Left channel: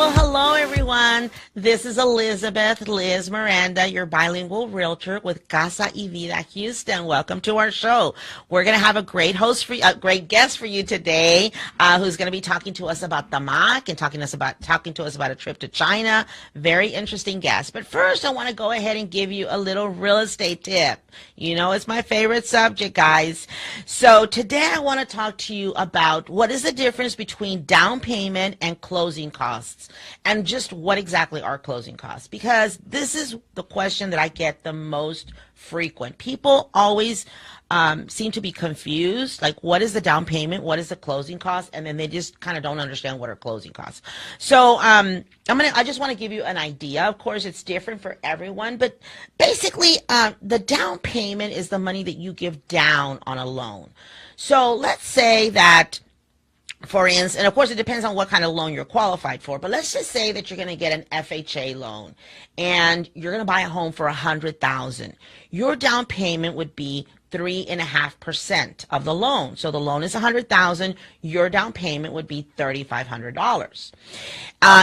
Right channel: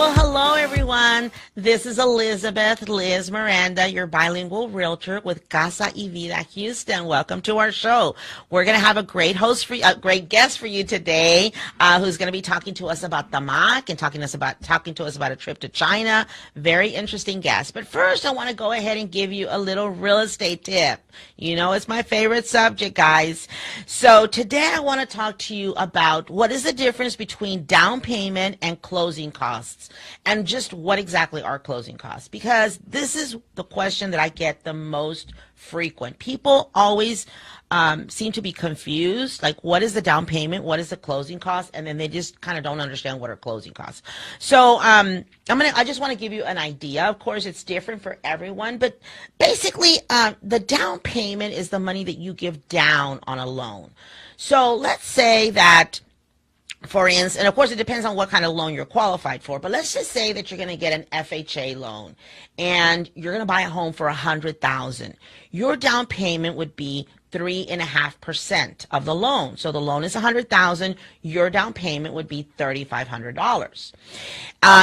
Well, hello, everyone. This is Elizabeth, Liz Miranda, your bilingual realtor with Casa y Vida Houston. Welcome to our show. We're going to have a great great guest for you today, who's going to be talking to us about TAMACC and talking to us about a trip to China. Very interesting guest. But first, I want to go ahead and give you a little real estate tip. You know, it's my favorite subject, guys. So today, I want to talk to you about what is the difference between down payment and closing costs. And just what exactly are closing costs? Because this is the question that I get the most frequent. People always seem to be confused, like what is the down payment, what is the closing cost, and then they just kind of don't understand what are closing costs. So I just want to give you an idea. Of course, it's different for everyone, but basically the down payment is the money that you give down on a loan. So let's say that, for instance, and of course it depends on what kind of loan you're qualified for, but let's just say that you're going to get an FHA loan and you're going to buy a home for $100,000. Your down payment would be 3.5% of the loan. So the loan is $100,000. Your down payment would be $3,500.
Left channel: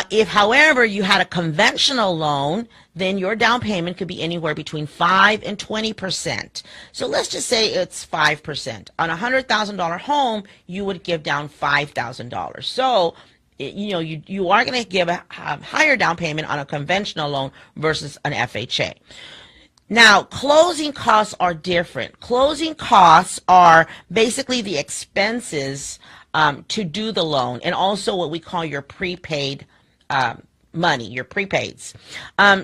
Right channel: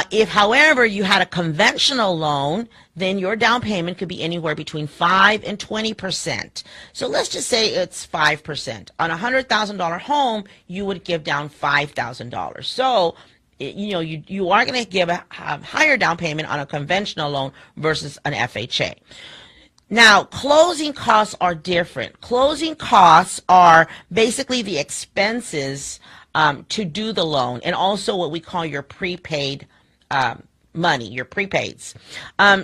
If, however, you had a conventional loan, then your down payment could be anywhere between 5 and 20%. So let's just say it's 5%. On a $100,000 home, you would give down $5,000. So you are going to give a higher down payment on a conventional loan versus an FHA. Now, closing costs are different. Closing costs are basically the expenses to do the loan, and also what we call your prepaid money, your prepaids.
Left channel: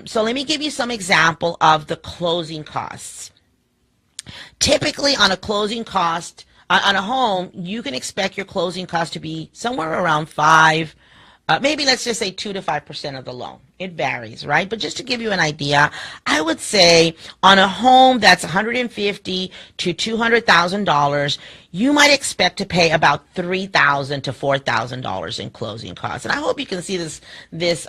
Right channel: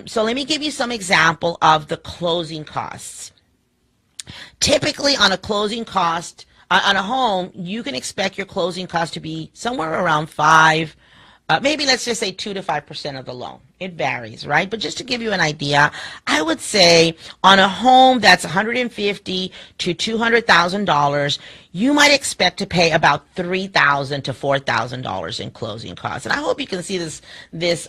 So let me give you some example of the closing costs. Typically, on a closing cost, on a home, you can expect your closing cost to be somewhere around maybe let's just say 2 to 5% of the loan. It varies, right? But just to give you an idea, I would say on a home that's $150,000 to $200,000, you might expect to pay about $3,000 to $4,000 in closing costs. And I hope you can see this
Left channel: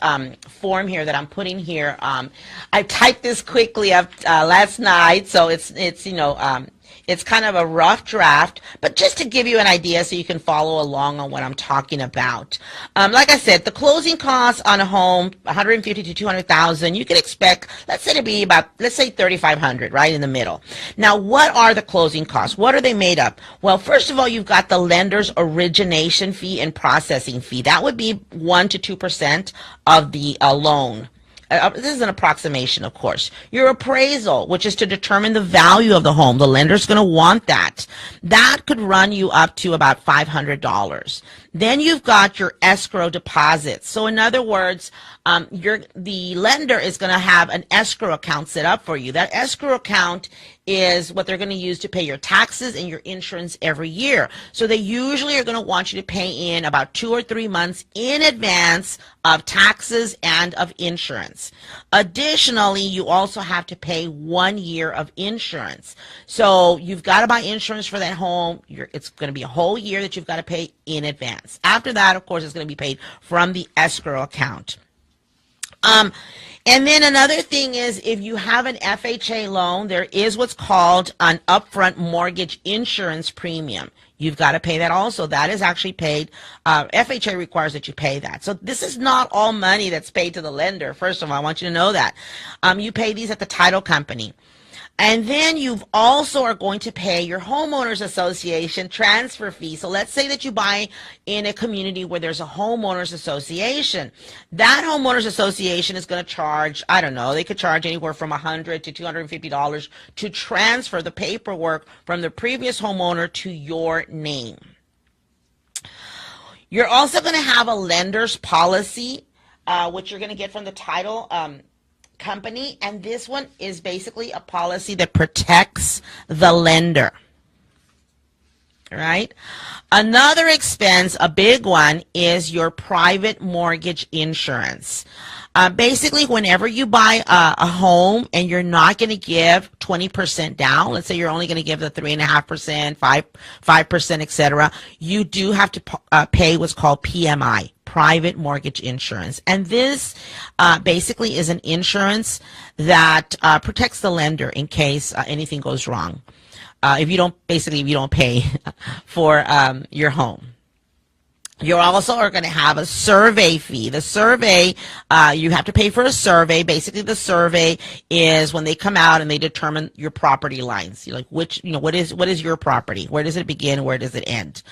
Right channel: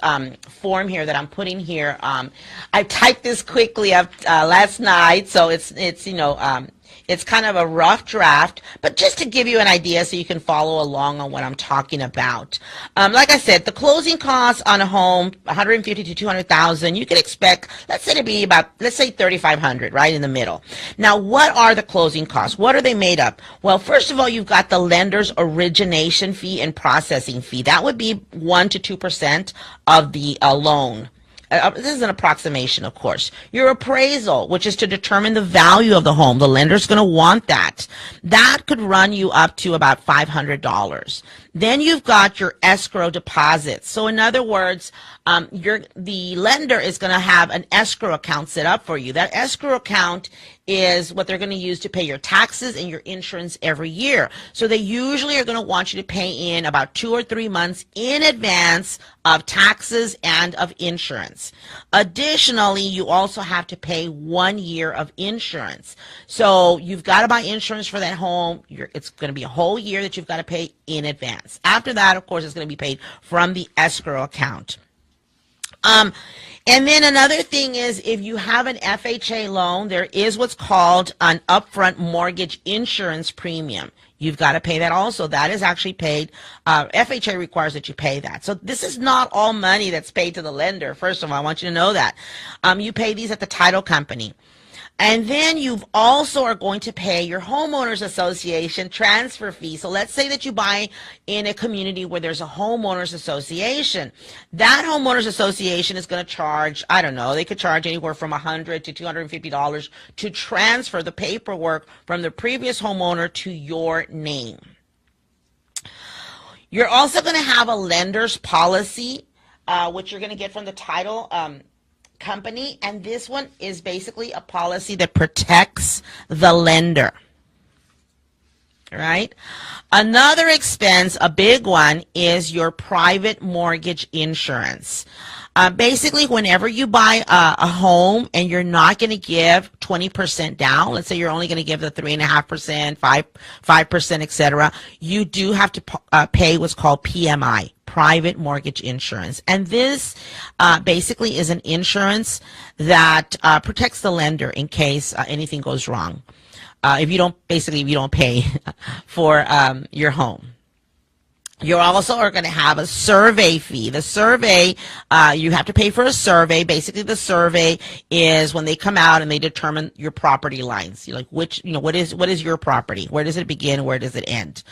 form here that I'm putting here. I typed this quickly up last night, so it's kind of a rough draft, but just to give you an idea so you can follow along on what I'm talking about. Like I said, the closing costs on a home, $150,000 to $200,000, you can expect, let's say, to be about, let's say, $3,500, right in the middle. Now, what are the closing costs? What are they made up? Well, first of all, you've got the lender's origination fee and processing fee. That would be 1 to 2% of the loan. This is an approximation, of course. Your appraisal, which is to determine the value of the home. The lender's going to want that. That could run you up to about $500. Then you've got your escrow deposits. So in other words, the lender is going to have an escrow account set up for you. That escrow account is what they're going to use to pay your taxes and your insurance every year. So they usually are going to want you to pay in about 2 or 3 months in advance of taxes and of insurance. Additionally, you also have to pay 1 year of insurance. So you've got to buy insurance for that home. It's going to be a whole year that you've got to pay in advance. After that, of course, it's going to be paid from the escrow account. And then another thing is, if you have an FHA loan, there is what's called an upfront mortgage insurance premium. You've got to pay that also. That is actually paid. FHA requires that you pay that. So this is not all money that's paid to the lender. First of all, I want you to know that. You pay these at the title company. And then you also are going to pay your homeowners association transfer fee. So let's say that you buy in a community where there's a homeowners association. That homeowners association is going to charge, I don't know, they could charge anywhere from $100 to $250 to transfer the paperwork from the previous homeowner to your name. You're also going to have a lender's policy, which you're going to get from the title company, and this one is basically a policy that protects the lender. All right. Another expense, a big one, is your private mortgage insurance. Basically, whenever you buy a home and you're not going to give 20% down, let's say you're only going to give the 3.5%, 5%, etc., you do have to pay what's called PMI, private mortgage insurance. And this basically is an insurance that protects the lender in case anything goes wrong. If you don't pay for your home. You also are going to have a survey fee. The survey, you have to pay for a survey. Basically, the survey is when they come out and they determine your property lines. You're like, what is your property? Where does it begin? Where does it end?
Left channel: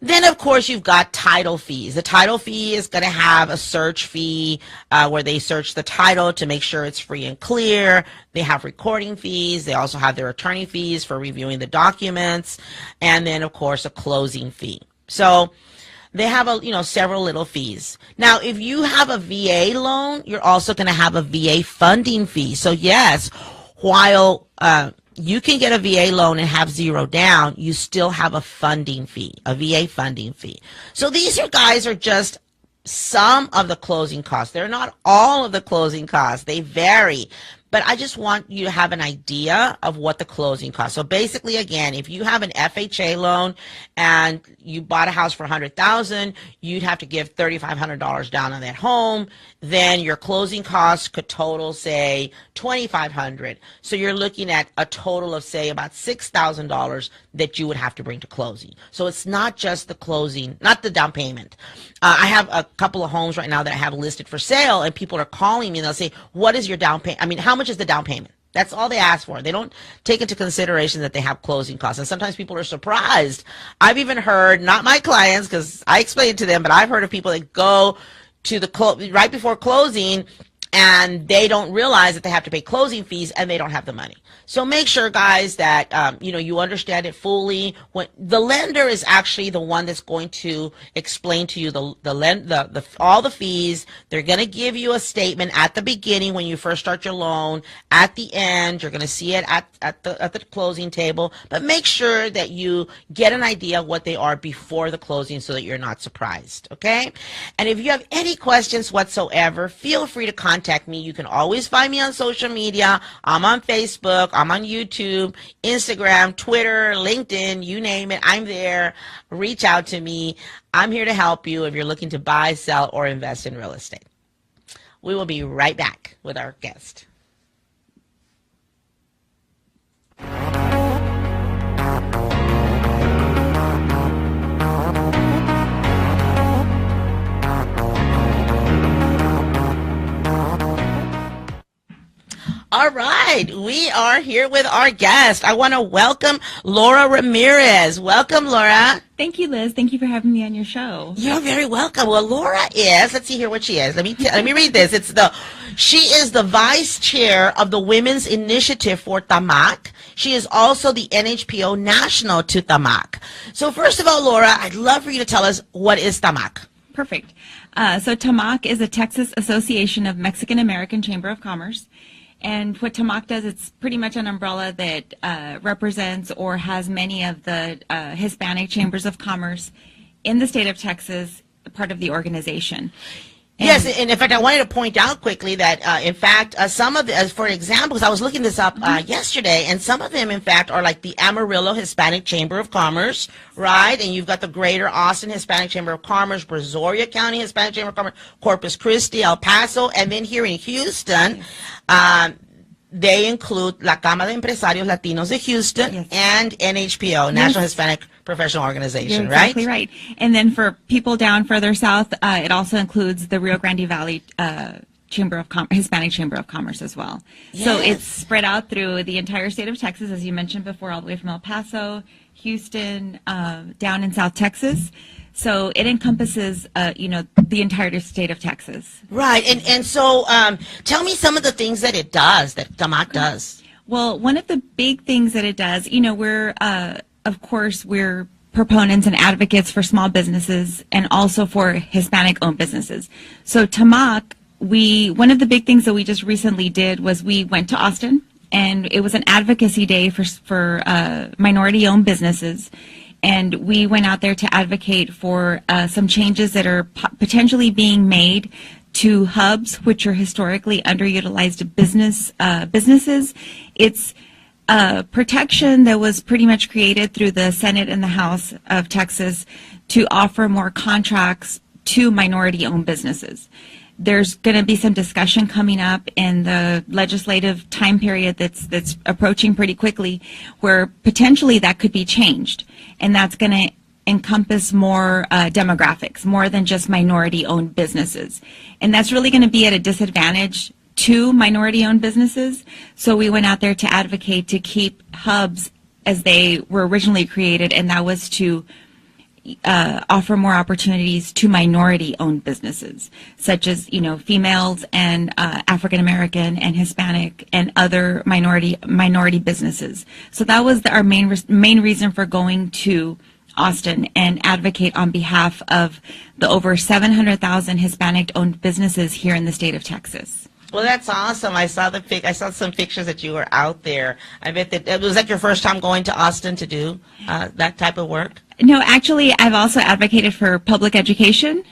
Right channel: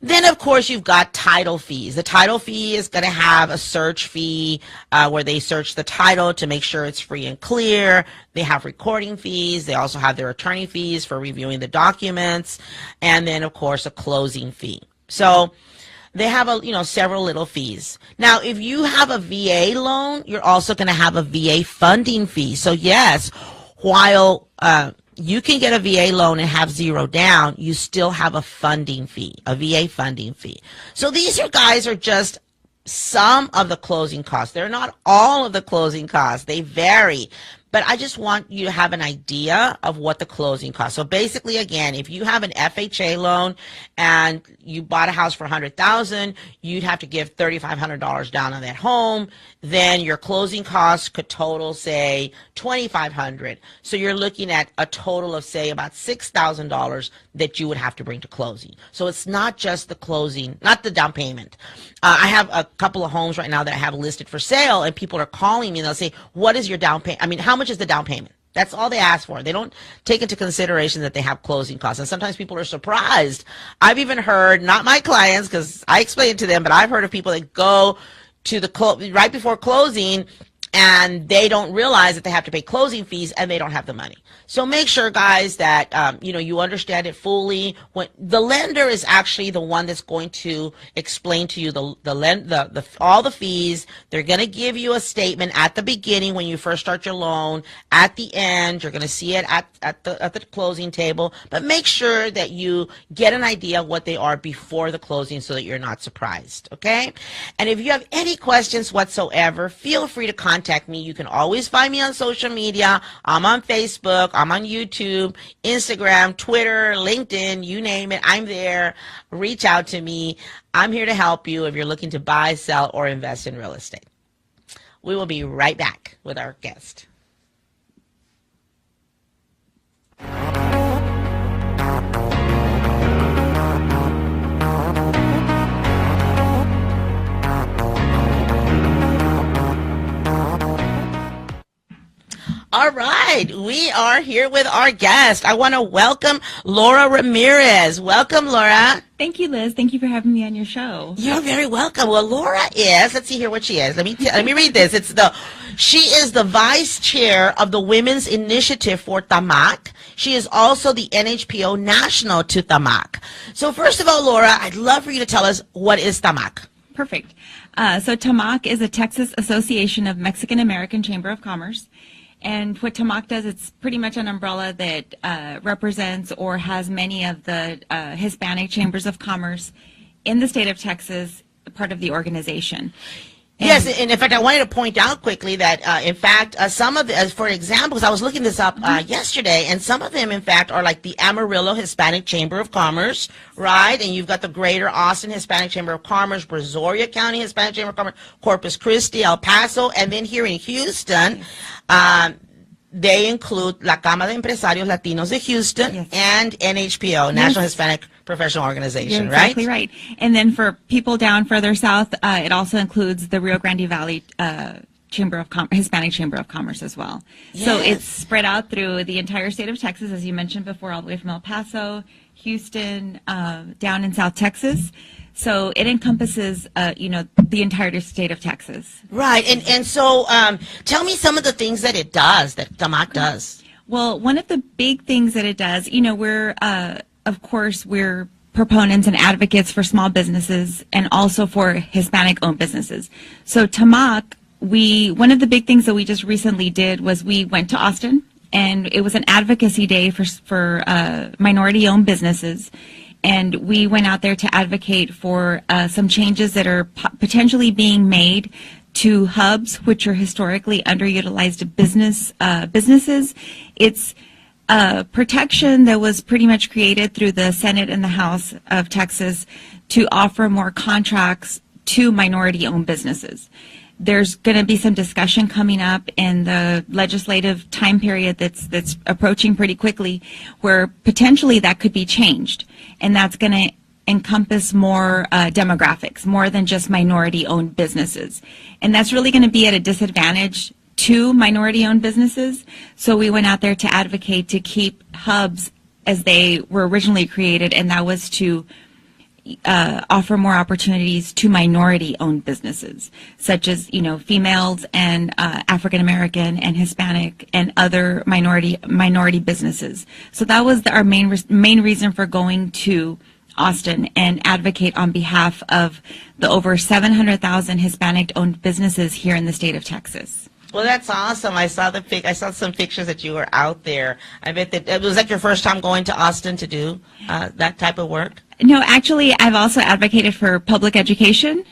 Then, of course, you've got title fees. The title fee is going to have a search fee where they search the title to make sure it's free and clear. They have recording fees. They also have their attorney fees for reviewing the documents. And then, of course, a closing fee. So they have several little fees. Now, if you have a VA loan, you're also going to have a VA funding fee. So yes, while you can get a VA loan and have zero down, you still have a funding fee, a VA funding fee. So these guys are just some of the closing costs. They're not all of the closing costs. They vary. But I just want you to have an idea of what the closing costs. So basically, again, if you have an FHA loan and you bought a house for $100,000, you'd have to give $3,500 down on that home. Then your closing costs could total, say, $2,500. So you're looking at a total of, say, about $6,000 that you would have to bring to closing. So it's not just the closing, not the down payment. I have a couple of homes right now that I have listed for sale, and people are calling me and they'll say, what is your down payment? I mean, how much is the down payment? That's all they ask for. They don't take into consideration that they have closing costs. And sometimes people are surprised. I've even heard, not my clients, because I explain it to them, but I've heard of people that go to the right before closing and they don't realize that they have to pay closing fees and they don't have the money. So make sure, guys, that you understand it fully. When the lender is actually the one that's going to explain to you all the fees. They're going to give you a statement at the beginning when you first start your loan. At the end, you're going to see it at the closing table. But make sure that you get an idea of what they are before the closing so that you're not surprised. Okay? And if you have any questions whatsoever, feel free to contact me. You can always find me on social media. I'm on Facebook. I'm on YouTube, Instagram, Twitter, LinkedIn, you name it. I'm there. Reach out to me. I'm here to help you if you're looking to buy, sell, or invest in real estate. We will be right back with our guest. All right, we are here with our guest. I want to welcome Laura Ramirez. Welcome, Laura. Thank you, Liz. Thank you for having me on your show. You're very welcome. Well, Laura is, let's see here what she is. Let me read this. She is the vice chair of the Women's Initiative for TAMACC. She is also the NHPO national to TAMACC. So first of all, Laura, I'd love for you to tell us, what is TAMACC? Perfect. So TAMACC is a Texas Association of Mexican American Chamber of Commerce. And what TAMACC does, it's pretty much an umbrella that represents or has many of the Hispanic chambers of commerce in the state of Texas, part of the organization. Yes, and in fact, I wanted to point out quickly that, in fact, some of the, for examples, I was looking this up yesterday, and some of them, in fact, are like the Amarillo Hispanic Chamber of Commerce, right? And you've got the Greater Austin Hispanic Chamber of Commerce, Brazoria County Hispanic Chamber of Commerce, Corpus Christi, El Paso, and then here in Houston, they include La Cámara de Empresarios Latinos de Houston and NHPO, National Hispanic Professional Organization, You're right? Exactly right. And then for people down further south, it also includes the Rio Grande Valley Hispanic Chamber of Commerce as well. Yes. So it's spread out through the entire state of Texas, as you mentioned before, all the way from El Paso, Houston, down in South Texas. So it encompasses, the entire state of Texas. Right. And so tell me some of the things that it does, that TAMACC does. Well, one of the big things that it does, we're proponents and advocates for small businesses and also for Hispanic-owned businesses. So TAMACC, one of the big things that we just recently did was we went to Austin, and it was an advocacy day for minority-owned businesses. And we went out there to advocate for some changes that are potentially being made to hubs, which are historically underutilized businesses. It's protection that was pretty much created through the Senate and the House of Texas to offer more contracts to minority-owned businesses. There's going to be some discussion coming up in the legislative time period that's approaching pretty quickly, where potentially that could be changed, and that's going to encompass more demographics, more than just minority-owned businesses. And that's really going to be at a disadvantage to minority-owned businesses. So we went out there to advocate to keep hubs as they were originally created, and that was to offer more opportunities to minority-owned businesses, such as, females and African American and Hispanic and other minority businesses. So that was our main reason for going to Austin and advocate on behalf of the over 700,000 Hispanic-owned businesses here in the state of Texas. Well, that's awesome. I saw some pictures that you were out there. I bet that was that your first time going to Austin to do that type of work? No, actually, I've also advocated for public education,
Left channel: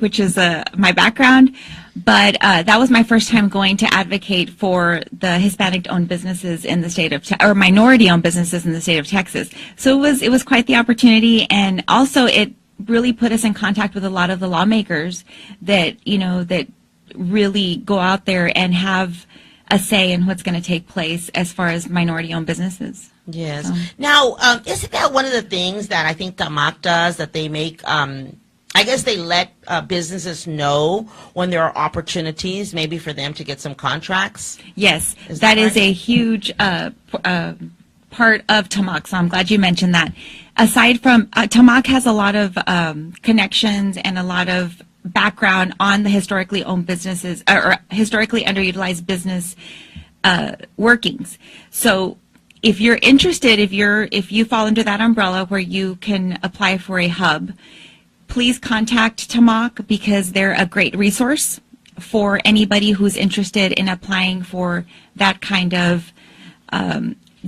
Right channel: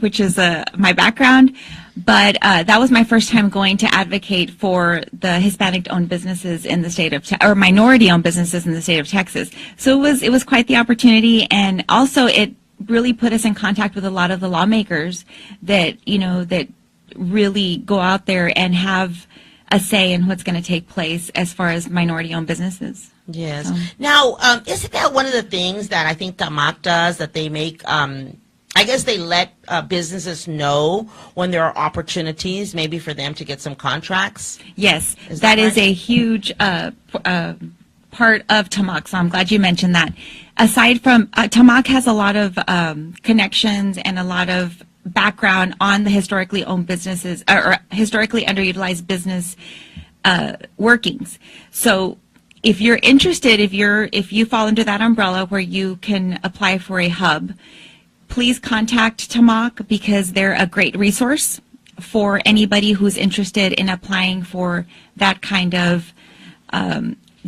which is my background. But that was my first time going to advocate for the Hispanic-owned businesses in the state of or minority-owned businesses in the state of Texas. So it was quite the opportunity, and also it really put us in contact with a lot of the lawmakers that that really go out there and have a say in what's going to take place as far as minority-owned businesses. Yes. Now, isn't that one of the things that I think TAMACC does, that they make, I guess they let businesses know when there are opportunities maybe for them to get some contracts? Yes, that is a huge part of TAMACC, so I'm glad you mentioned that. Aside from, TAMACC has a lot of connections and a lot of background on the historically owned businesses or historically underutilized business workings. So if you're interested, if you fall under that umbrella where you can apply for a hub, please contact TAMACC, because they're a great resource for anybody who's interested in applying for that kind of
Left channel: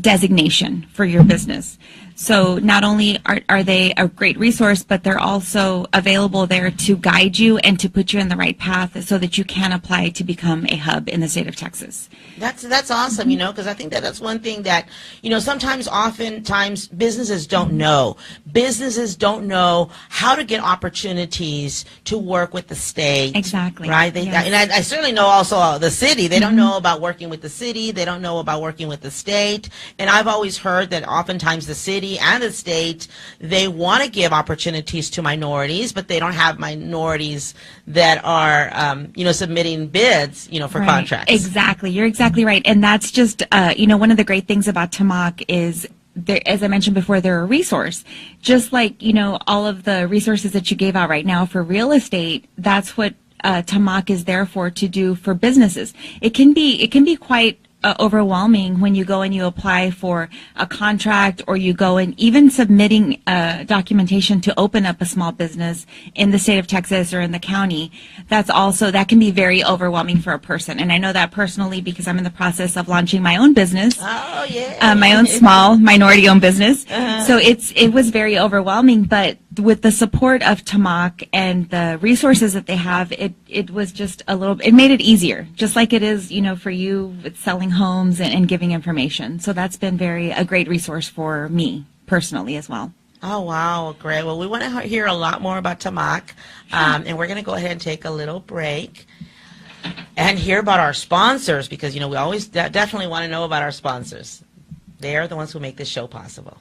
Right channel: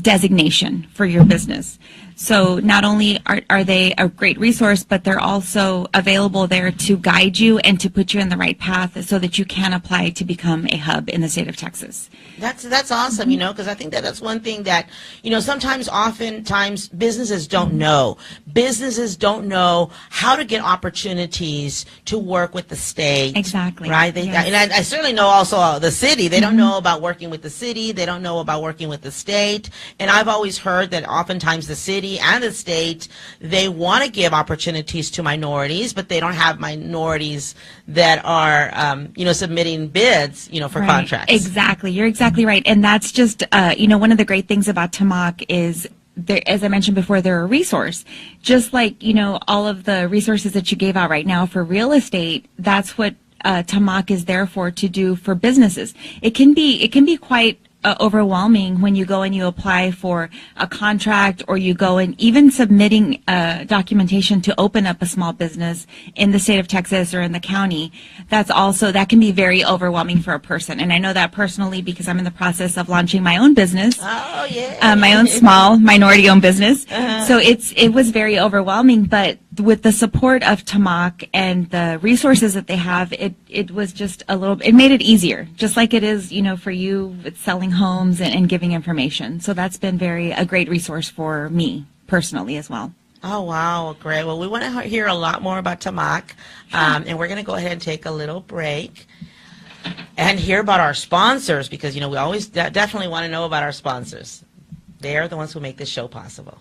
designation for your business. So not only are they a great resource, but they're also available there to guide you and to put you in the right path so that you can apply to become a hub in the state of Texas. That's awesome, because I think that's one thing that, oftentimes businesses don't know. Businesses don't know how to get opportunities to work with the state. Exactly. Right? Yes. And I certainly know also the city. They don't know about working with the city. They don't know about working with the state. And I've always heard that oftentimes the city and the state, they want to give opportunities to minorities, but they don't have minorities that are, submitting bids, for contracts. Exactly. You're exactly right. And that's just, one of the great things about TAMACC is, as I mentioned before, they're a resource. Just like, all of the resources that you gave out right now for real estate, that's what TAMACC is there for, to do for businesses. It can be quite overwhelming when you go and you apply for a contract, or you go and even submitting documentation to open up a small business in the state of Texas or in the county. That can be very overwhelming for a person. And I know that personally, because I'm in the process of launching my own business. Oh, yeah. My own small minority-owned business. Uh-huh. So it was very overwhelming, but with the support of TAMACC and the resources that they have, it was just it made it easier, just like it is, for you with selling homes and giving information. So that's been a great resource for me personally as well. Oh, wow. Great. Well, we want to hear a lot more about TAMACC, and we're going to go ahead and take a little break and hear about our sponsors, because, we always definitely want to know about our sponsors. They are the ones who make this show possible.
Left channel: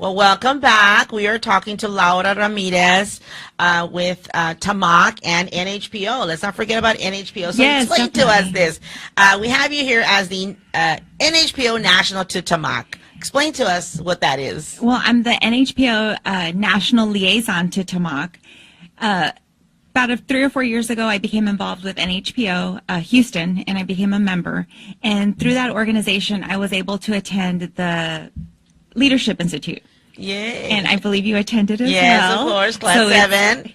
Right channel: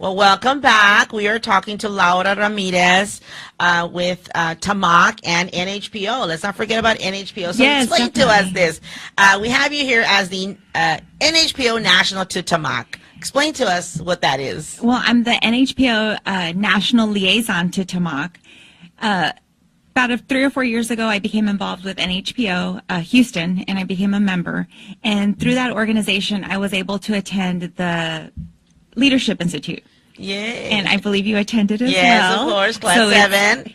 Well, welcome back. We are talking to Laura Ramirez with TAMACC and NHPO. Let's not forget about NHPO. So yes, explain definitely. to us this. We have you here as the NHPO National to TAMACC. Explain to us what that is. Well, I'm the NHPO national liaison to TAMACC. About 3 or 4 years ago, I became involved with NHPO Houston, and I became a member. And through that organization, I was able to attend the Leadership Institute. Yay. And I believe you attended as well. Yes, of course, class 7.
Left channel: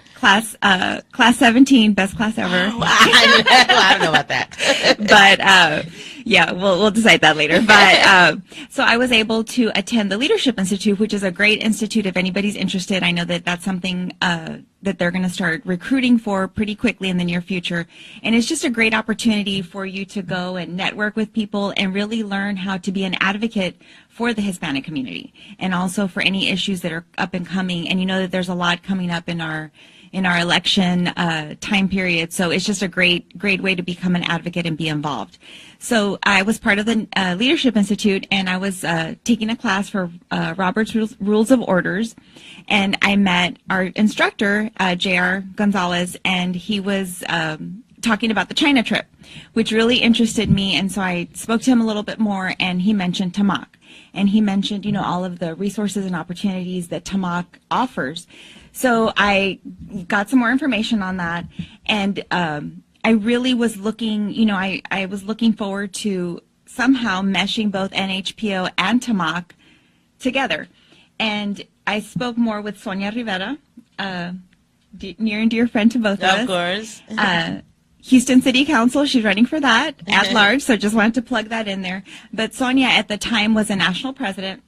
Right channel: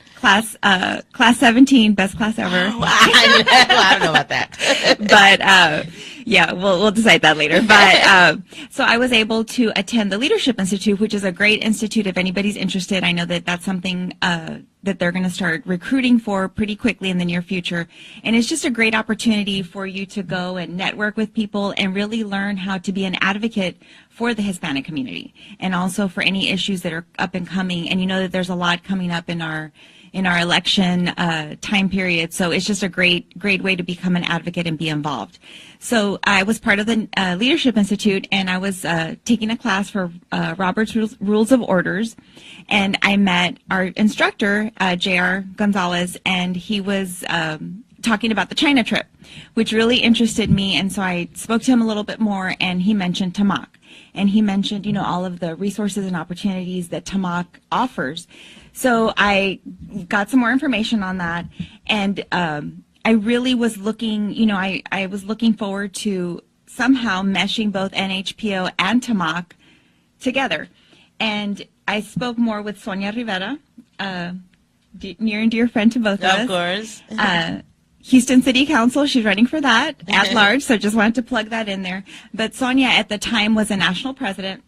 Class 17, best class ever. I don't know about that. But yeah, we'll decide that later. But so I was able to attend the Leadership Institute, which is a great institute if anybody's interested. I know that that's something that they're going to start recruiting for pretty quickly in the near future. And it's just a great opportunity for you to go and network with people and really learn how to be an advocate for the Hispanic community and also for any issues that are up and coming. And you know that there's a lot coming up in our election time period. So it's just a great way to become an advocate and be involved. So I was part of the Leadership Institute, and I was taking a class for Robert's Rules of Orders, and I met our instructor, J.R. Gonzalez, and he was talking about the China trip, which really interested me. And so I spoke to him a little bit more, and he mentioned TAMACC, and he mentioned, all of the resources and opportunities that TAMACC offers. So I got some more information on that, and I really was looking, I was looking forward to somehow meshing both NHPO and TAMACC together. And I spoke more with Sonia Rivera, near and dear friend to both of us. Of course. Houston City Council, she's running for that at large, so just wanted to plug that in there. But Sonia at the time was a national president,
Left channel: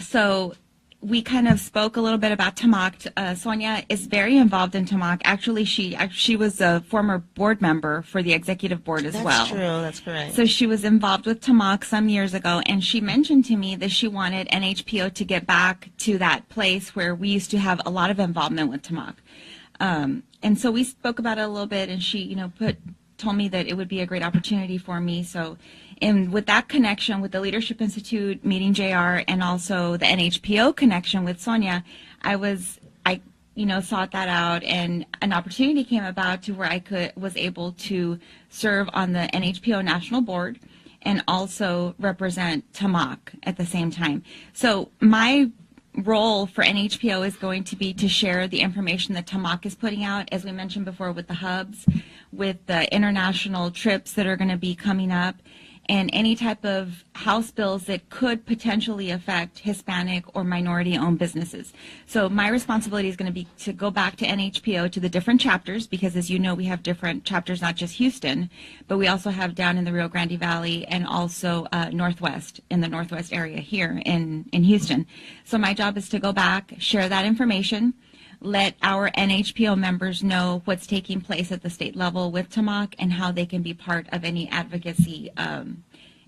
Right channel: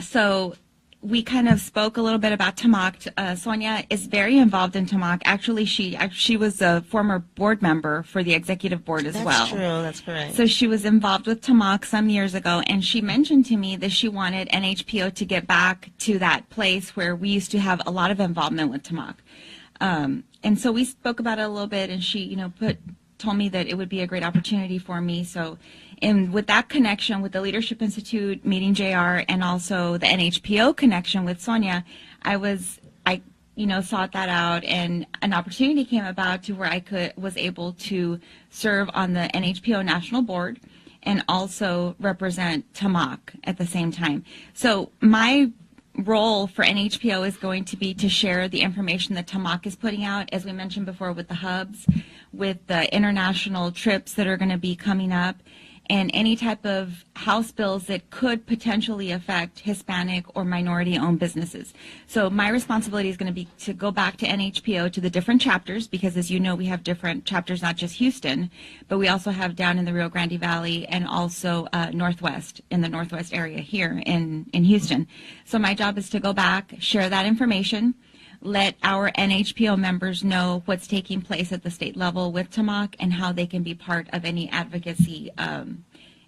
so we kind of spoke a little bit about TAMACC. Sonia is very involved in TAMACC. Actually, she was a former board member for the executive board as well. That's true. That's correct. So she was involved with TAMACC some years ago, and she mentioned to me that she wanted NHPO to get back to that place where we used to have a lot of involvement with TAMACC. And so we spoke about it a little bit, and she, told me that it would be a great opportunity for me. So, and with that connection with the Leadership Institute, meeting JR, and also the NHPO connection with Sonia, I sought that out, and an opportunity came about to where I was able to serve on the NHPO National Board and also represent TAMACC at the same time. So my role for NHPO is going to be to share the information that TAMACC is putting out, as we mentioned before, with the hubs, with the international trips that are going to be coming up, and any type of House bills that could potentially affect Hispanic or minority-owned businesses. So my responsibility is going to be to go back to NHPO, to the different chapters, because as you know, we have different chapters, not just Houston, but we also have down in the Rio Grande Valley and also Northwest, in the Northwest area here in Houston. So my job is to go back, share that information, let our NHPO members know what's taking place at the state level with TAMACC and how they can be part of any advocacy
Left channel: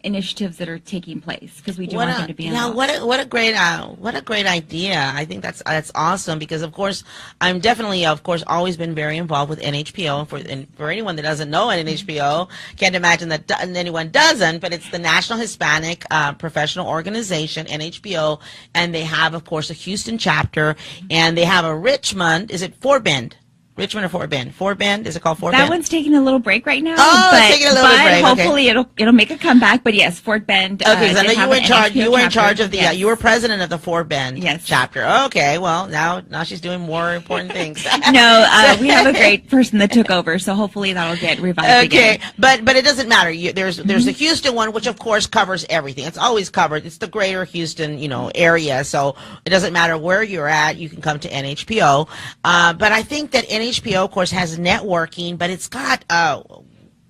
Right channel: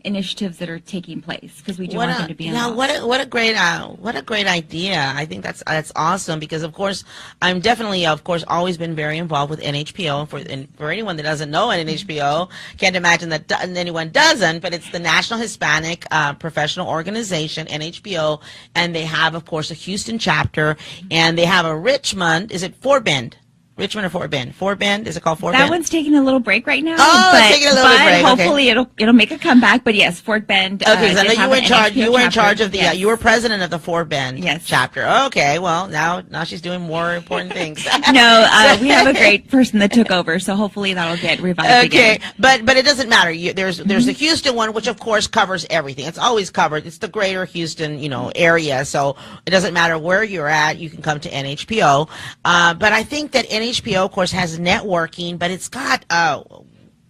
initiatives that are taking place, because we do want them to be involved. What a great idea. I think that's awesome, because of course I'm definitely always been very involved with NHPO, and for anyone that doesn't know NHPO, can't imagine that anyone doesn't, but it's the National Hispanic Professional Organization, NHPO, and they have of course a Houston chapter, and they have a Richmond, is it Fort Bend? Richmond or Fort Bend? Fort Bend? Is it called Fort Bend? That one's taking a little break right now. Oh, it's taking a little break. Hopefully it'll make a comeback. But yes, Fort Bend. Okay, so I know you were in charge. You were in charge of the. You were president of the Fort Bend chapter. Okay, well now she's doing more important things. No, we have a great person that took over, so hopefully that'll get revived again. Okay, but it doesn't matter. There's the Houston one, which of course covers everything. It's always covered. It's the greater Houston area, so it doesn't matter where you're at. You can come to NHPO. But I think that NHPO, of course, has networking, but it's got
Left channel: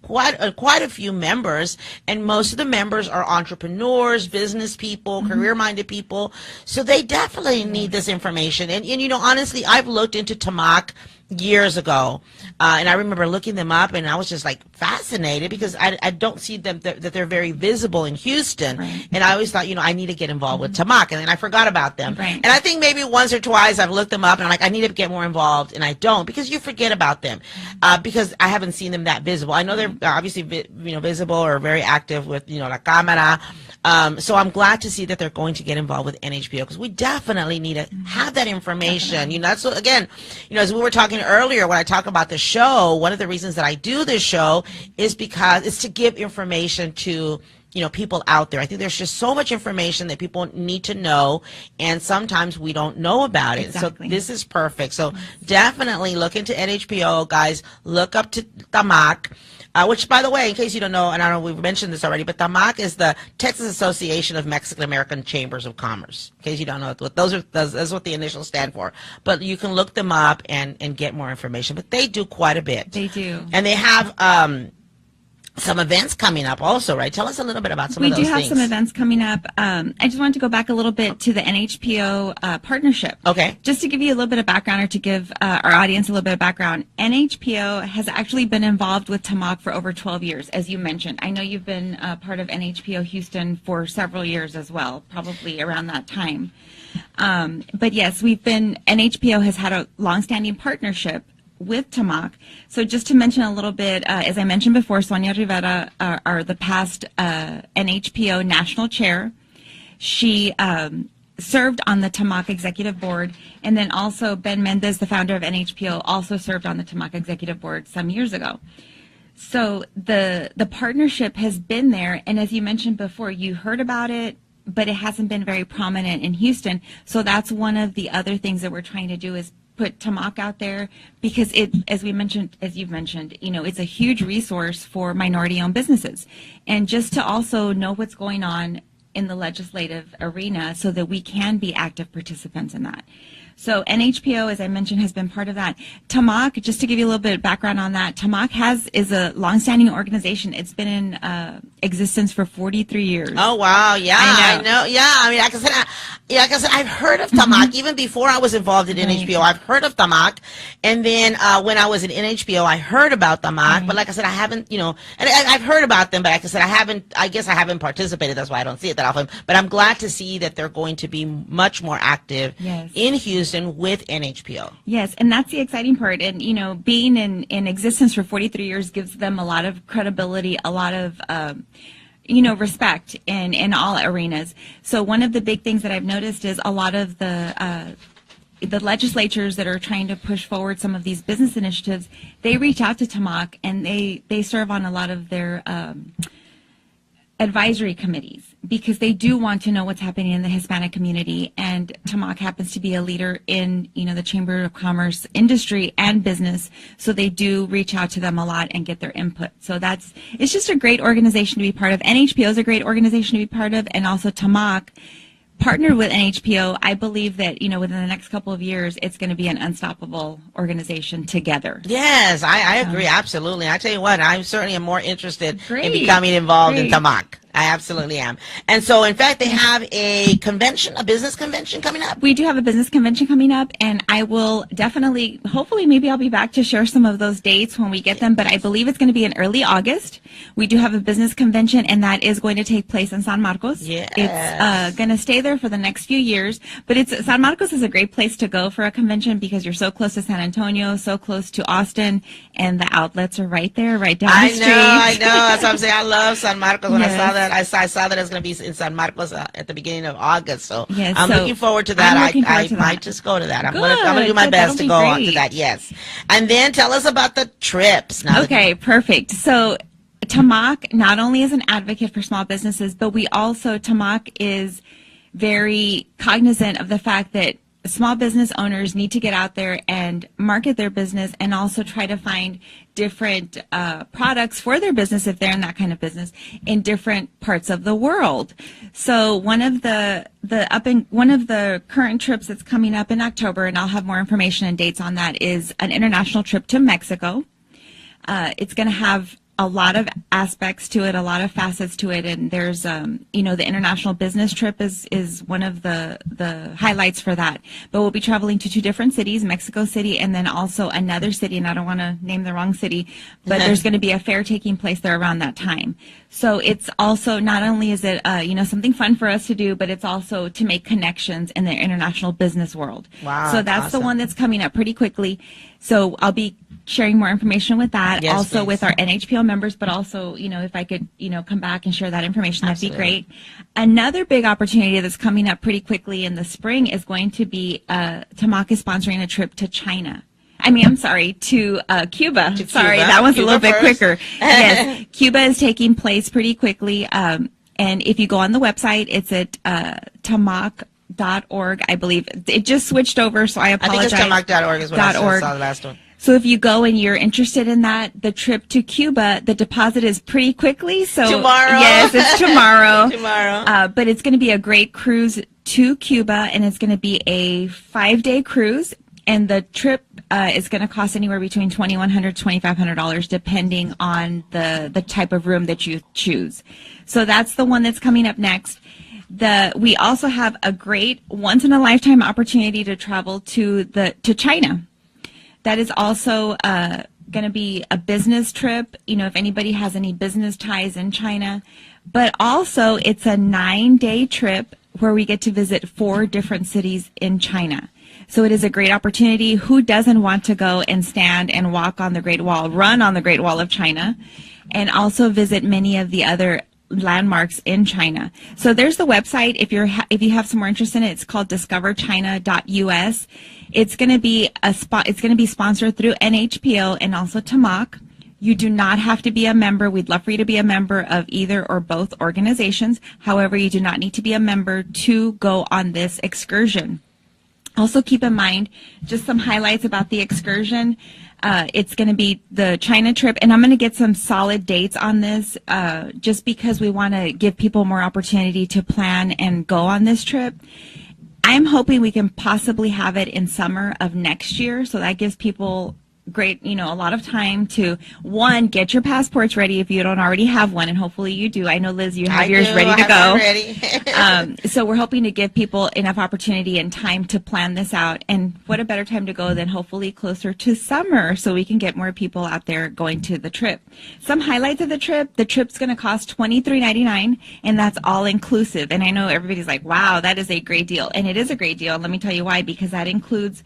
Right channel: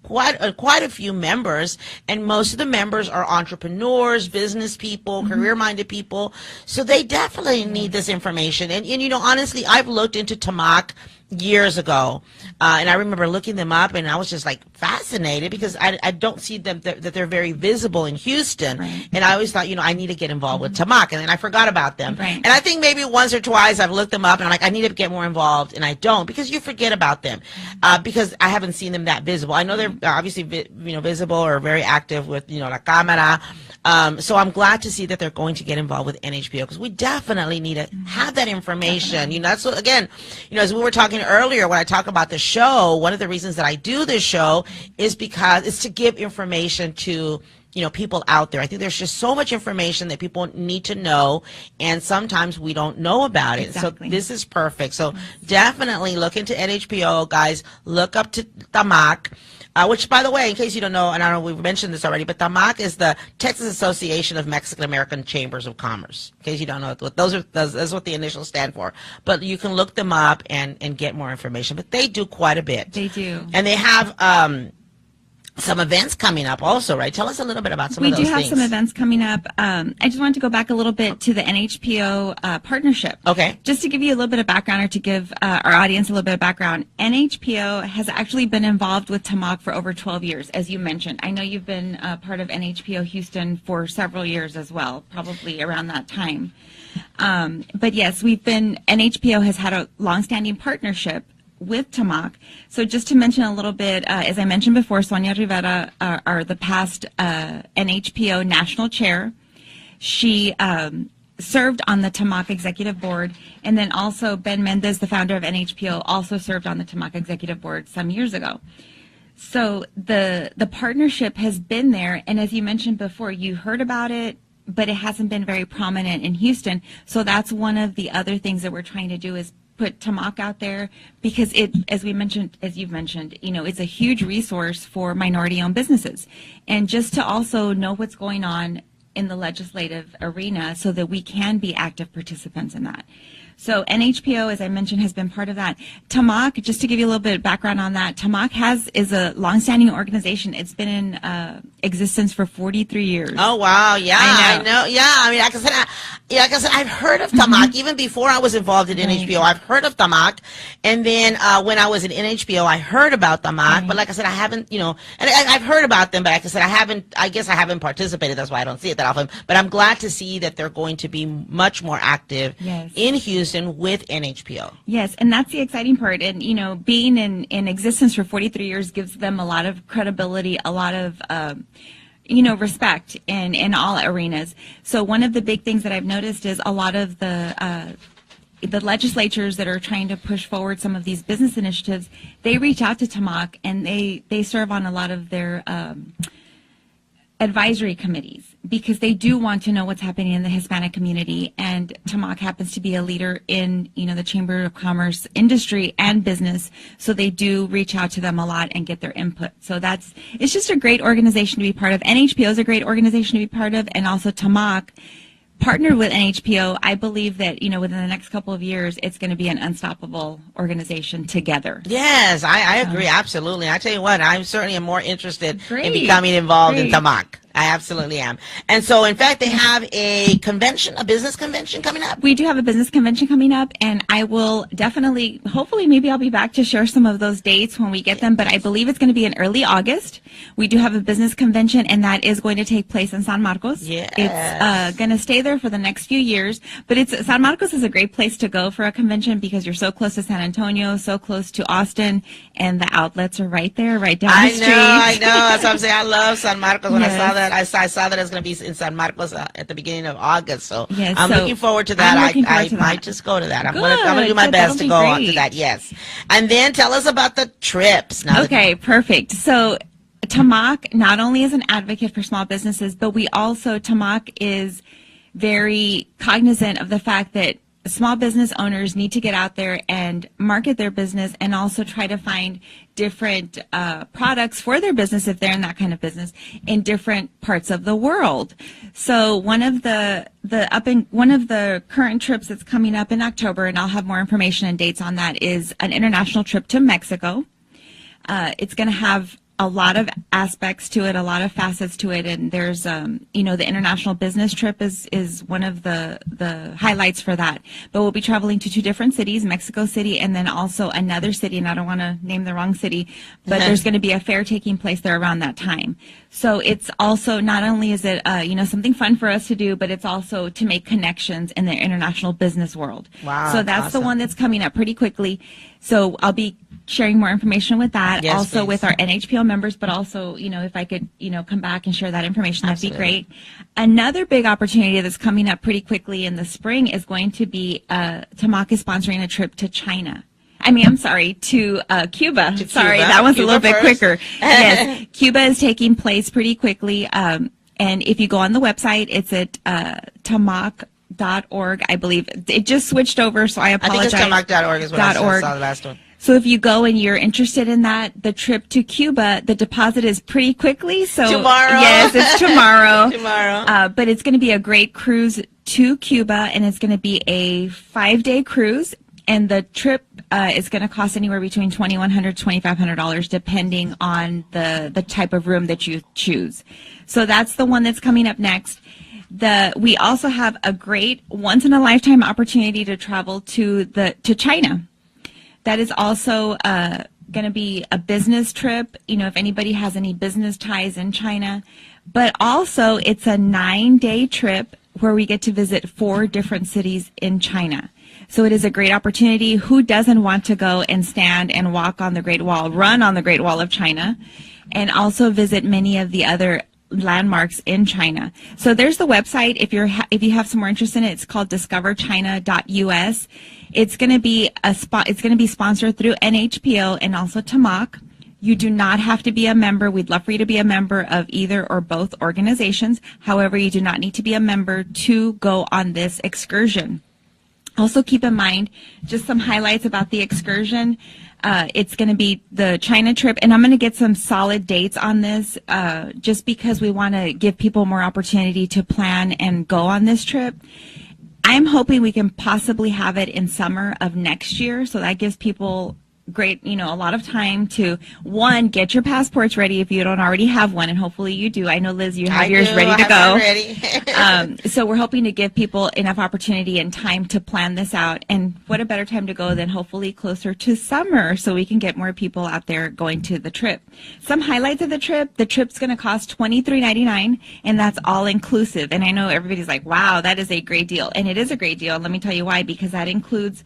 quite a few members, and most of the members are entrepreneurs, business people, career-minded people, so they definitely need this information. And honestly, I've looked into TAMACC years ago, and I remember looking them up, and I was just like fascinated, because I don't see them that they're very visible in Houston, right. And I always thought, I need to get involved with TAMACC, and then I forgot about them, right. And I think maybe once or twice I've looked them up, and I'm like, I need to get more involved, and I don't, because you forget about them, because I haven't seen them that visible. I know they're obviously visible or very active with La Cámara. So I'm glad to see that they're going to get involved with NHPO, because we definitely need to have that information. So again, as we were talking earlier, when I talk about the show, one of the reasons that I do this show is because it's to give information to people out there. I think there's just so much information that people need to know, and sometimes we don't know about it. Exactly. So this is perfect. So definitely look into NHPO, guys. Look up to TAMACC. Which, by the way, in case you don't know, and I don't know, we've mentioned this already, but TAMACC is the Texas Association of Mexican American Chambers of Commerce. In case you don't know, that's what the initials stand for. But you can look them up and get more information. But they do quite a bit. They do. And they have some events coming up also, right? Tell us a little bit about some of those things. We do have some events coming up. I just wanted to go back a little bit to the NHPO partnership. Okay. Just to give you a little bit of background, or to give our audience a little bit of background, NHPO has actually been involved with TAMACC for over 12 years, as you mentioned. I know you've been part of NHPO Houston for several years as well, probably around that time. But yes, NHPO has had a longstanding partnership with TAMACC. So just to mention a little bit, as I mentioned before, Sonia Rivera are the past NHPO national chair. She served on the TAMACC executive board, and then also Ben Mendez, the founder of NHPO, also served on the TAMACC executive board some years ago. So the partnership has been there, and as you mentioned before, you heard about it, but it hasn't been very prominent in Houston. So that's one of the other things that we're trying to do, is put TAMACC out there, because as you've mentioned, it's a huge resource for minority-owned businesses, and just to also know what's going on in the legislative arena, so that we can be active participants in that. So NHPO, as I mentioned, has been part of that. TAMACC, just to give you a little bit of background on that, TAMACC is a longstanding organization. It's been in existence for 43 years. Oh, wow. Yeah, I know. Yeah, I mean, like I said, I've heard of TAMACC. Even before I was involved in NHPO, I've heard of TAMACC. And then when I was in NHPO, I heard about TAMACC. But like I said, I haven't, and I've heard about them, but like I said, I guess I haven't participated. That's why I don't see it that often. But I'm glad to see that they're going to be much more active in Houston with NHPO. Yes, and that's the exciting part. And, being in existence for 43 years gives them a lot of credibility, a lot of, respect in all arenas. So one of the big things that I've noticed is a lot of the legislatures that are trying to push forward some of these business initiatives, they reach out to TAMACC, and they serve on a lot of their advisory committees, because they do want to know what's happening in the Hispanic community, and TAMACC happens to be a leader in the Chamber of Commerce industry and business, so they do reach out to them a lot and get their input. So it's just a great organization to be part of. NHPO is a great organization to be part of, and also TAMACC partnered with NHPO. I believe that within the next couple of years, it's going to be an unstoppable organization together. Yes, I agree, absolutely. I tell you what, I certainly am more interested in becoming involved in TAMACC. I absolutely am. And so, in fact, they have a business convention coming up. We do have a business convention coming up, and I will definitely, hopefully, maybe I'll be back to share some of those dates when we get them, but I believe it's going to be in early August. We do have a business convention, and that is going to take place in San Marcos. Yes. It's going to stay there for the next few years, but San Marcos is a great place to go for a convention, because you're so close to San Antonio, so close to Austin, and the outlets are right there, right down the street. I know. That's what I'm saying. I love San Marcos. When I saw that, I saw that it's going to be in San Marcos at the beginning of August. So I'm looking forward to that. I might just go to that. I'm going to do my best to go on to that. Yes. And then tell us about the trips. Okay, perfect. So TAMACC not only is an advocate for small businesses, but TAMACC is very cognizant of the fact that small business owners need to get out there and market their business, and also try to find different products for their business, if they're in that kind of business, in different parts of the world. So one of the current trips that's coming up in October, and I'll have more information and dates on that, is an international trip to Mexico. It's going to have a lot of aspects to it, a lot of facets to it, and there's the international business trip is one of the highlights for that. But we'll be traveling to 2 different cities, Mexico City, and then also another city, and I don't want to name the wrong city, but there's going to be a fair taking place there around that time. So it's also, not only is it something fun for us to do, but it's also to make connections in the international business world. Wow, so that's awesome. The one that's coming up pretty quickly. So I'll be sharing more information with that, yes, also please. With our NHPO members, but also, if I could, come back and share that information, that'd Absolutely. be great. Another big opportunity that's coming up pretty quickly in the spring is going to be TAMACC is sponsoring a trip to China. To Cuba. That was a little bit quicker. Yes, Cuba is taking place pretty quickly. And if you go on the website, it's at TAMACC.org, I believe. It just switched over, so I apologize. I think it's TAMACC.org is what I saw the last one. So if you go and you're interested in that, the trip to Cuba, the deposit is pretty quickly. So tomorrow. Yes, it's tomorrow. Tomorrow. But it's going to be a great cruise to Cuba, and it's going to be a 5-day cruise. And the trip is going to cost anywhere between $2,100 to $2,500, depending on the type of room that you choose. So that's the one that's coming up next. We also have a great once-in-a-lifetime opportunity to travel to China. That is also going to be a business trip, if anybody has any business ties in China. But also, it's a 9-day trip where we get to visit 4 different cities in China. So it is a great opportunity. Who doesn't want to go and stand and walk on the Great Wall, run on the Great Wall of China, and also visit many of the other landmarks in China? So there's the website. If you have some more interest in it, it's called discoverchina.us. It's going to be sponsored through NHPO and also TAMACC. You do not have to be a member. We'd love for you to be a member of either or both organizations. However, you do not need to be a member to go on this excursion. Also keep in mind just some highlights about the excursion. It's going to be the China trip, and I'm going to get some solid dates on this just because we want to give people more opportunity to plan and go on this trip. I'm hoping we can possibly have it in summer of next year, so that gives people a lot of time to, one, get your passports ready if you don't already have one, and hopefully you do. I know, Liz, you have yours ready to go. Ready. So we're hoping to give people enough opportunity and time to plan this out, and what a better time to go than hopefully closer to summer so we can get more people out there going to the trip. Some highlights of the trip's going to cost $23.99, and that's all inclusive. And I know everybody's like, wow, that is a great deal, and it is a great deal. Let me tell you why, because that includes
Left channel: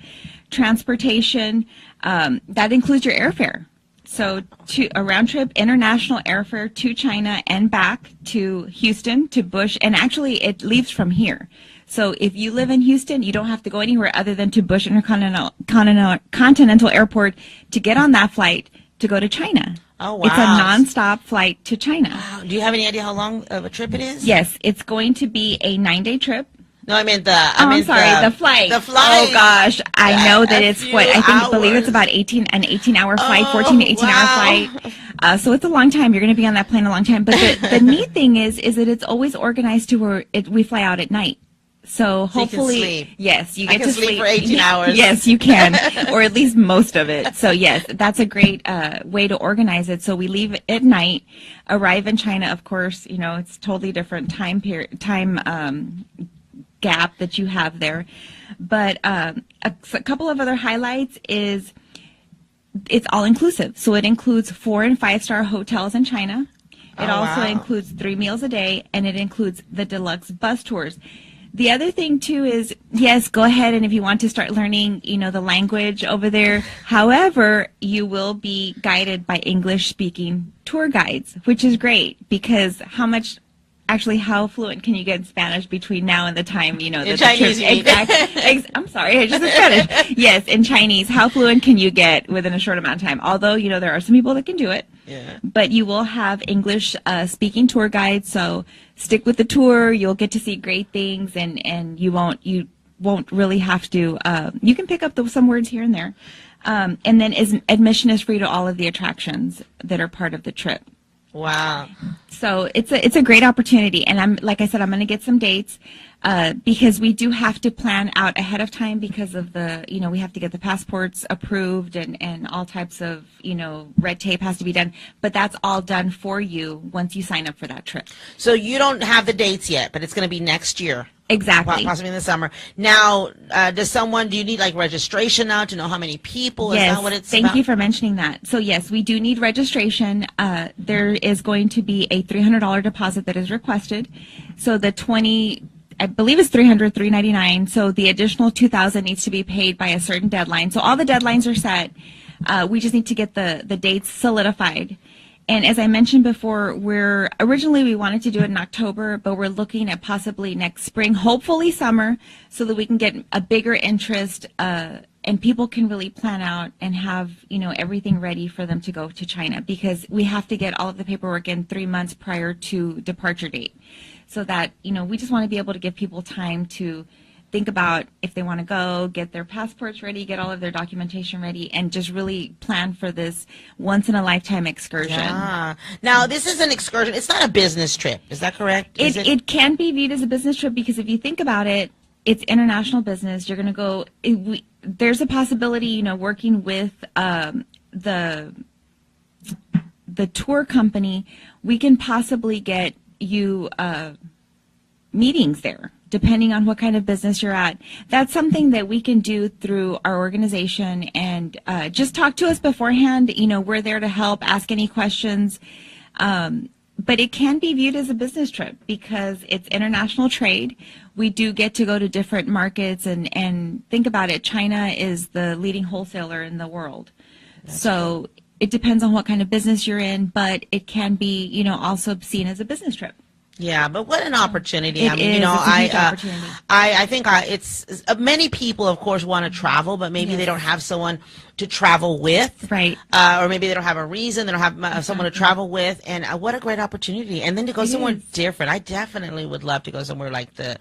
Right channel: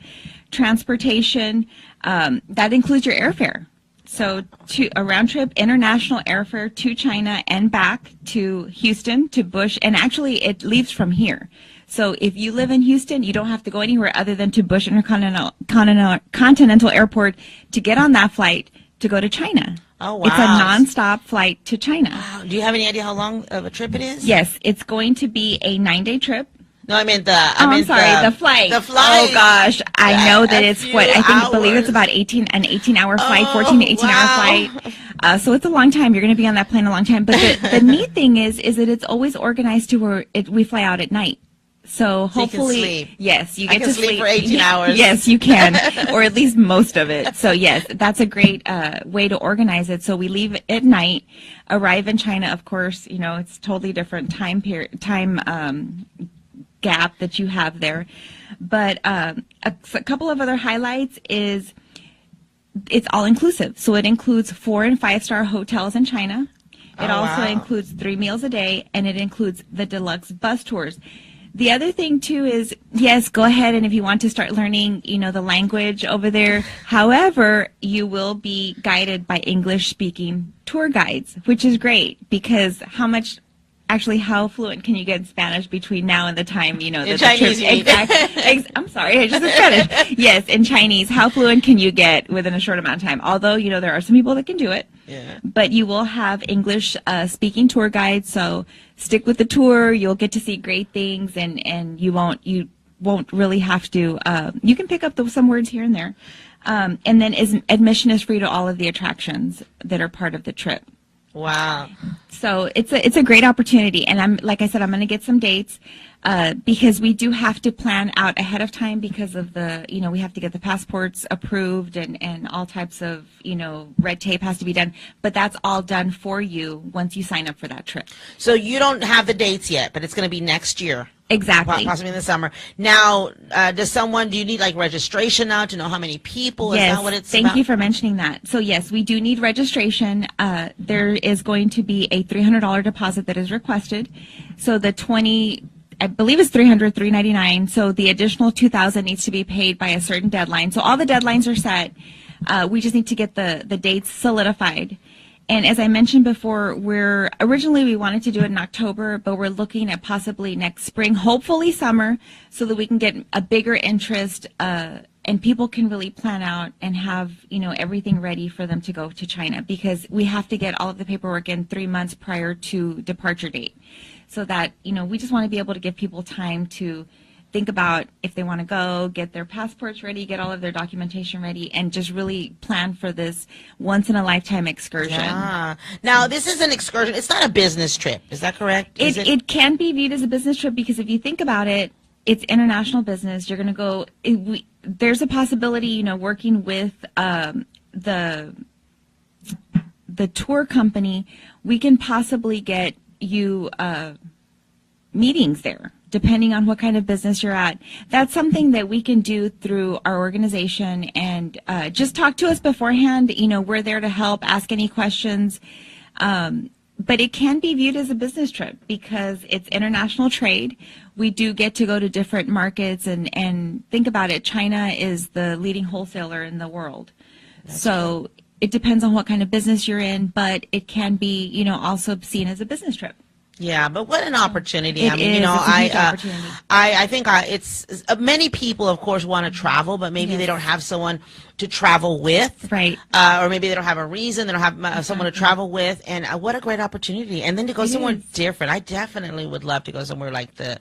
transportation, that includes your airfare. So a round trip international airfare to China and back to Houston, to Bush, and actually it leaves from here. So if you live in Houston, you don't have to go anywhere other than to Bush Intercontinental Airport to get on that flight to go to China. Oh, wow. It's a nonstop flight to China. Wow. Do you have any idea how long of a trip it is? Yes, it's going to be a 9-day trip. No, I meant the flight. The flight. Oh gosh, I know that it's believe it's about an 18-hour flight, 14 to 18-hour flight. So it's a long time. You're going to be on that plane a long time. But the neat thing is that it's always organized to where we fly out at night. So hopefully, you can sleep. Yes, you get to sleep for 18 hours. Yes, you can, or at least most of it. So yes, that's a great way to organize it. So we leave at night, arrive in China. Of course, it's totally different time gap that you have there, but a couple of other highlights is it's all inclusive. So it includes 4- and 5-star hotels in China. It also includes 3 meals a day, and it includes the deluxe bus tours. The other thing too is, yes, go ahead, and if you want to start learning, the language over there. However, you will be guided by English-speaking tour guides, which is great, because how fluent can you get in Spanish between now and the time, that the Chinese, trip? I'm sorry, I just said Spanish. Yes, in Chinese, how fluent can you get within a short amount of time? Although, there are some people that can do it. Yeah. But you will have English speaking tour guides, so stick with the tour. You'll get to see great things, and you won't really have to. You can pick up some words here and there, and then admission is free to all of the attractions that are part of the trip. Wow. So it's a great opportunity, and like I said, I'm going to get some dates because we do have to plan out ahead of time because of we have to get the passports approved and all types of, red tape has to be done, but that's all done for you once you sign up for that trip. So you don't have the dates yet, but it's going to be next year. Exactly. Possibly in the summer. Now, do you need registration now to know how many people? Yes. Is that what it's Thank about? you for mentioning that. So yes, we do need registration. There is going to be a $300 deposit that is requested. So I believe it's $399. So the additional $2,000 needs to be paid by a certain deadline. So all the deadlines are set. We just need to get the dates solidified. And as I mentioned before, originally we wanted to do it in October, but we're looking at possibly next spring, hopefully summer, so that we can get a bigger interest and people can really plan out and have, everything ready for them to go to China, because we have to get all of the paperwork in 3 months prior to departure date. So that, we just want to be able to give people time to think about if they want to go, get their passports ready, get all of their documentation ready, and just really plan for this once-in-a-lifetime excursion. Yeah. Now, this is an excursion. It's not a business trip. Is that correct? It can be viewed as a business trip, because if you think about it, it's international business. You're going to go. There's a possibility, working with the tour company, we can possibly get you meetings there, depending on what kind of business you're at. That's something that we can do through our organization, and just talk to us beforehand. We're there to help, ask any questions. But it can be viewed as a business trip because it's international trade. We do get to go to different markets, and think about it, China is the leading wholesaler in the world. So it depends on what kind of business you're in, but it can be, also seen as a business trip. Yeah, but what an opportunity. I mean, opportunity. I think it's many people, of course, want to travel, but maybe they don't have someone to travel with. Right. Or maybe they don't have a reason, they don't have someone to travel with, and what a great opportunity. And then to go somewhere different. I definitely would love to go somewhere like to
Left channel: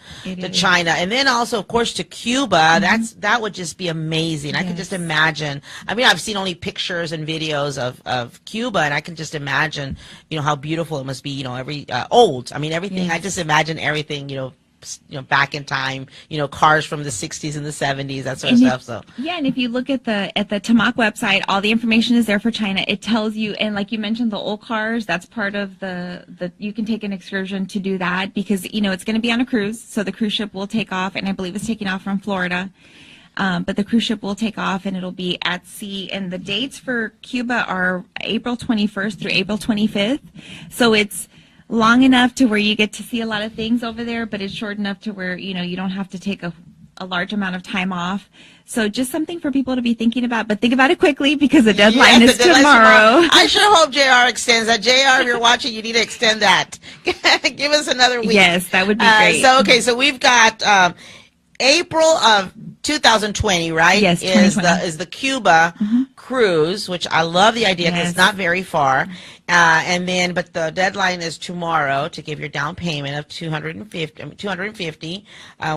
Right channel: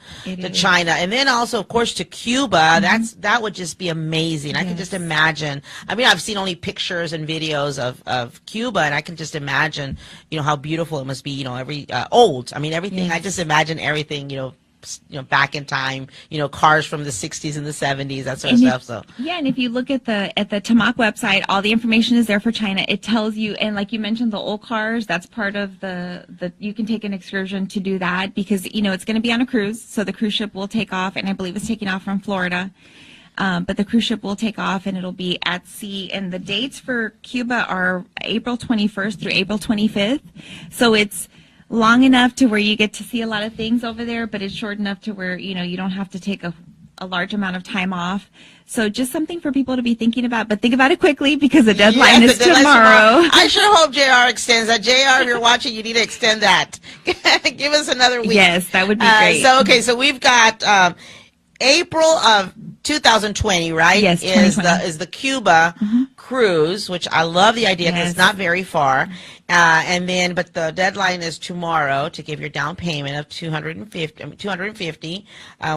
China. And then also, of course, to Cuba. That would just be amazing. I can just imagine. I mean, I've seen only pictures and videos of Cuba, and I can just imagine, how beautiful it must be, every old. I mean, everything. I just imagine everything, back in time, cars from the 60s and the 70s, that sort of stuff. So yeah, and if you look at the TAMACC website, all the information is there for China. It tells you, and like you mentioned, the old cars, that's part of the you can take an excursion to do that, because it's going to be on a cruise, so the cruise ship will take off, and I believe it's taking off from Florida. But the cruise ship will take off, and it'll be at sea. And the dates for Cuba are April 21st through April 25th. So it's long enough to where you get to see a lot of things over there, but it's short enough to where, you don't have to take a large amount of time off. So just something for people to be thinking about, but think about it quickly, because the deadline is tomorrow. I sure hope JR extends that. JR, if you're watching, you need to extend that. Give us another week. Yes, that would be great. So we've got April of 2020, right? Yes, is the Cuba cruise, which I love the idea because it's not very far. But the deadline is tomorrow to give your down payment of $250.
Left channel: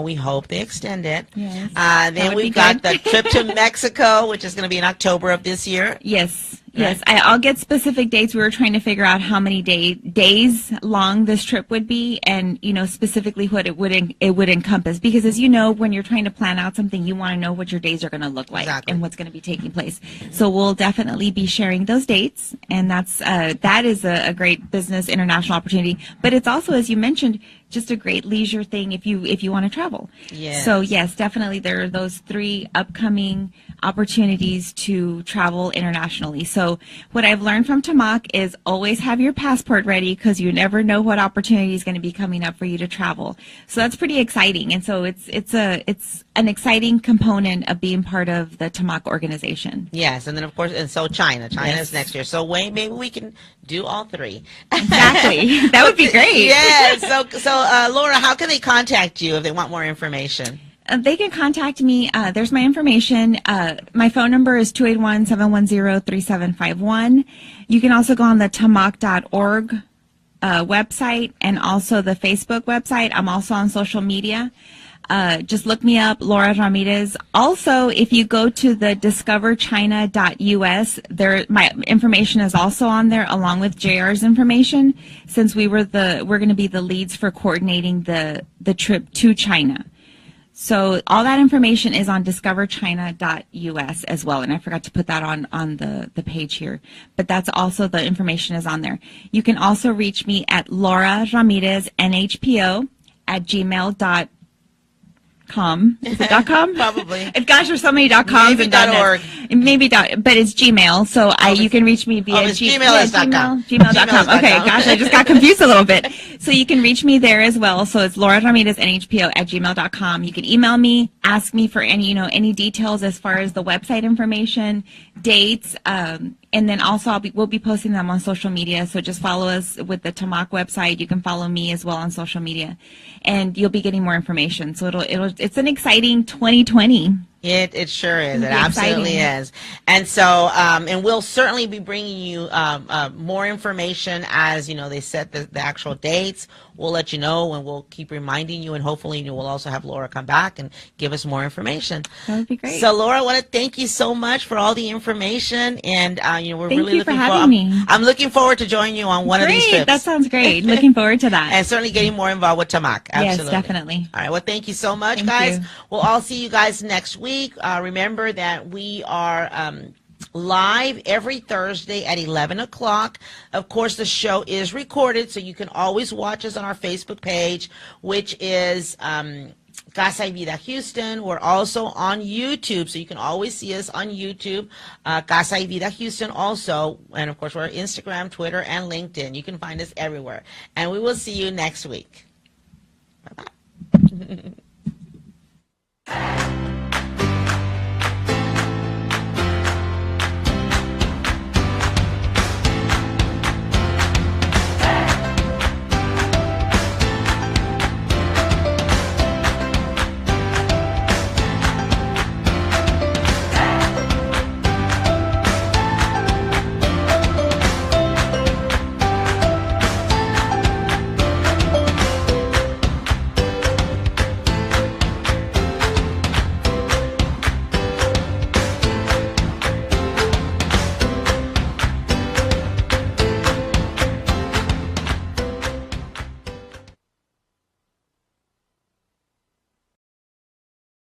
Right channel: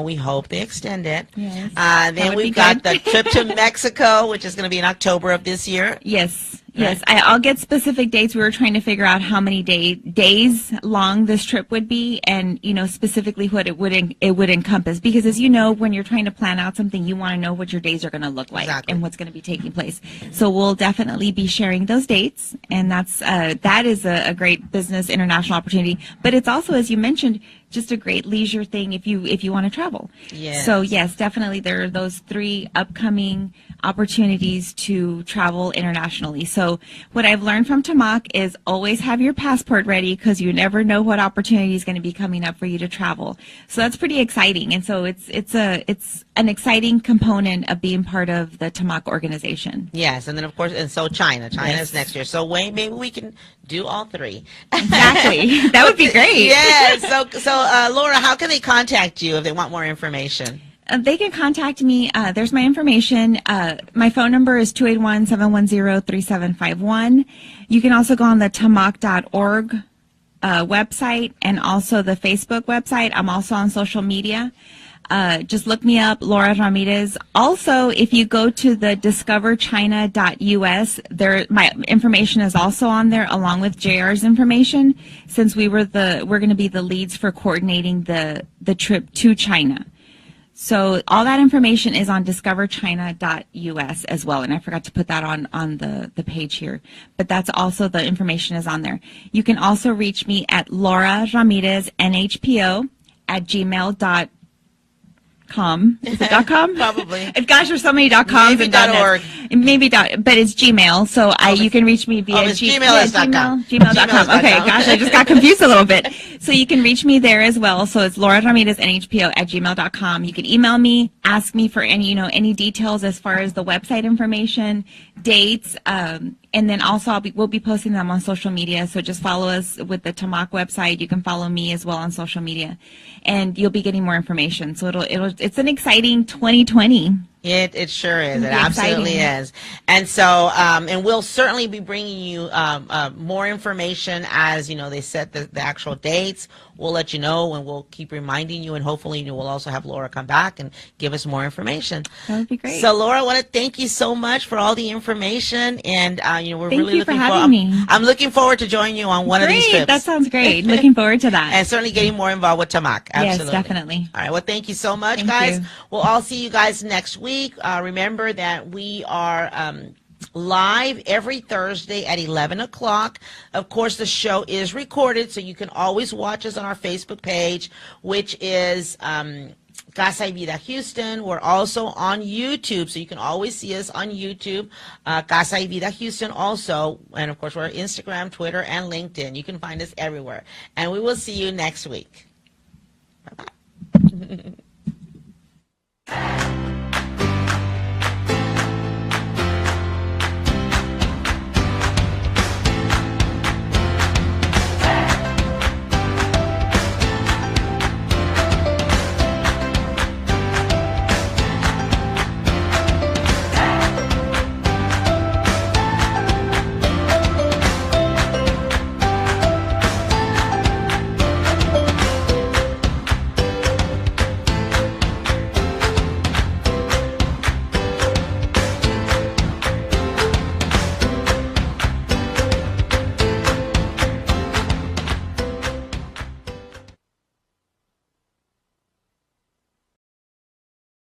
We hope they extend it. Yes. Then we've got the trip to Mexico, which is going to be in October of this year. Yes. Yes, I'll get specific dates. We were trying to figure out how many days long this trip would be, and specifically what it would encompass. Because as you know, when you're trying to plan out something, you want to know what your days are going to look like and what's going to be taking place. So we'll definitely be sharing those dates, and that is a great business international opportunity. But it's also, as you mentioned, just a great leisure thing if you want to travel. Yes. So yes, definitely there are those 3 upcoming opportunities to travel internationally. So what I've learned from TAMACC is always have your passport ready, because you never know what opportunity is going to be coming up for you to travel. So that's pretty exciting, and so it's an exciting component of being part of the TAMACC organization. Yes, and then of course, and so China is next year. So maybe we can do all 3. Exactly. That would be great. Yes. So Laura, how can they contact you if they want more information? They can contact me. There's my information. My phone number is 281-710-3751. You can also go on the tamacc.org website, and also the Facebook website. I'm also on social media. Just look me up, Laura Ramirez. Also, if you go to the discoverchina.us, my information is also on there, along with JR's information, since we're going to be the leads for coordinating the trip to China. So all that information is on discoverchina.us as well, and I forgot to put that on the page here, but that's also, the information is on there. You can also reach me at Laura Ramirez NHPO at gmail.com. Is it .com? Probably. Gosh, there's so many .coms Maybe and .org. Maybe but it's Gmail. So you can reach me via Gmail is .com. Gmail.com. Okay, gosh, I just got confused a little bit. So you can reach me there as well. So it's Laura Ramirez NHPO at gmail.com. You can email me, ask me for any details as far as the website information, dates, and then also we'll be posting them on social media. So just follow us with the TAMACC website. You can follow me as well on social media, and you'll be getting more information. So it's an exciting 2020. It sure is. It be absolutely exciting. is. And so, and we'll certainly be bringing you more information as, they set the actual dates. We'll let you know, and we'll keep reminding you, and hopefully we'll also have Laura come back and give us more information. That would be great. So, Laura, I want to thank you so much for all the information, and we're Thank really you for looking having me. I'm looking forward to joining you on one of these Great. trips. That sounds great. Looking forward to that. And certainly getting more involved with TAMACC. Absolutely. Yes, definitely. All right. Well, thank you so much, Thank guys. you. We'll all see you guys next week. Remember that we are live every Thursday at 11 o'clock. Of course, the show is recorded, so you can always watch us on our Facebook page, which is Casa y Vida Houston. We're also on YouTube, so you can always see us on YouTube, Casa y Vida Houston also. And, of course, we're on Instagram, Twitter, and LinkedIn. You can find us everywhere. And we will see you next week. Bye-bye.